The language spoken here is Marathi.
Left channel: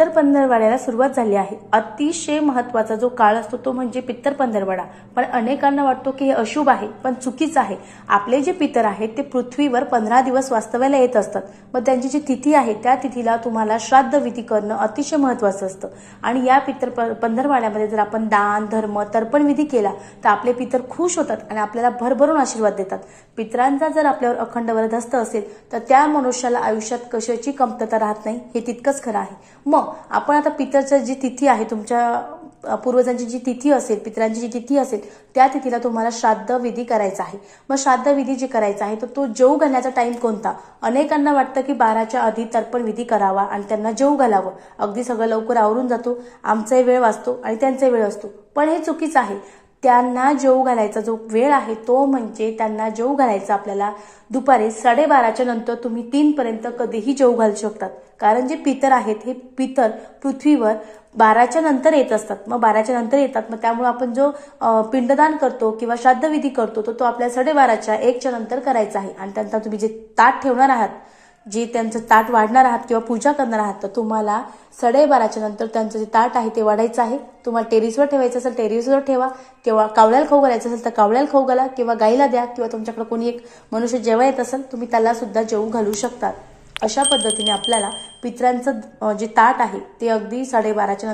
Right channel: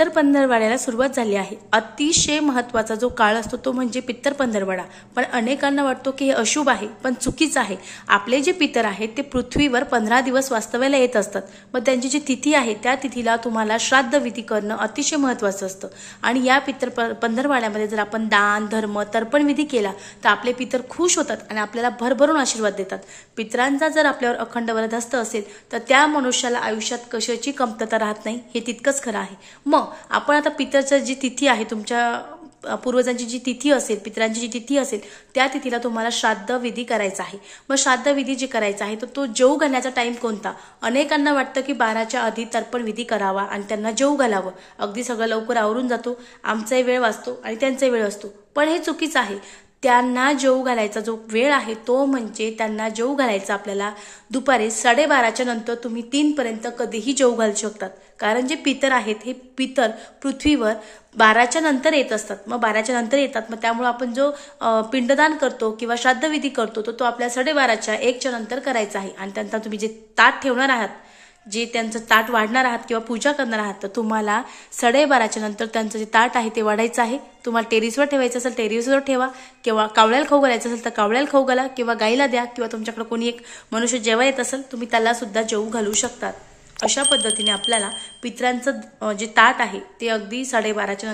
पित्तर पंधरवड्याला सुरुवात झाली आहे। अतिशय महत्त्वाचा जो काळ असतो तो म्हणजे पित्तर पंधरवडा। पण अनेकांना वाटतो की हे अशुभ आहे, पण चुकीचं आहे। आपले जे पितर आहेत ते पृथ्वीवर 15 दिवस वास्तव्याला येत असतात। मग त्यांची जी तिथी आहे त्या तिथीला तुम्हाला श्राद्ध विधी करणं अतिशय महत्त्वाचं असतं। आणि या पित्तर पंधरवड्यामध्ये जर आपण दान धर्म तर्पण विधी केला तर आपले पितर खुश होतात आणि आपल्याला भरभरून आशीर्वाद देतात। पितरांचा जर आपल्यावर अखंड वरदहस्त असेल तर त्या मनुष्याला आयुष्यात कशाची कमतरता राहत नाही, हे तितकंच खरं आहे। मग आपण आता पितरची जी तिथी आहे, तुमच्या पूर्वजांची जी तिथी असेल, पितरांची जी तिथी असेल त्या तिथीला तुम्हाला श्राद्ध विधी करायचा आहे। मग श्राद्ध विधी जे करायचा आहे तर तो जेवू घालण्याचा टाइम कोणता? अनेकांना वाटतं की 12च्या आधी तर्पण विधी करावा आणि त्यांना जेवू घालावं, अगदी सगळं लवकर आवरून जातो, आमचाही वेळ वाचतो आणि त्यांचाही वेळ असतो। पण हे चुकीचं आहे। त्यांना जेवू घालायचा जो वेळ आहे तो म्हणजे त्यांना जेवू घालायचा आपल्याला दुपारी 12:30च्या नंतर तुम्ही 3 पर्यंत कधीही जेवू घालू शकतात। कारण जे पितर आहेत हे पितर पृथ्वीवर 12च्या नंतर येत असतात। मग 12च्या नंतर येतात, मग त्यामुळे आपण जो पिंडदान करतो किंवा श्राद्ध विधी करतो तो आपल्या 12:30च्या 1च्या नंतर करायचा आहे। आणि त्यानंतर तुम्ही जे ताट ठेवणार आहात, जे त्यांचं ताट वाढणार आहात किंवा पूजा करणार आहात, तर तुम्हाला 12:30च्या नंतर त्यांचं जे ताट आहे ते वाढायचं आहे। तुम्हाला टेरेसवर ठेवायचं असेल टेरेसवर ठेवा, किंवा कावळ्याला खाऊ घालायचं असेल तर कावळ्याला खाऊ घाला, किंवा गाईला द्या, किंवा तुमच्याकडे कोणी एक मनुष्य जेव्हा येत असेल तुम्ही त्याला सुद्धा जेवू घालू शकतात। अशा पद्धतीने आपल्याला पितरांचं जे ताट आहे ते अगदी 12:30च्या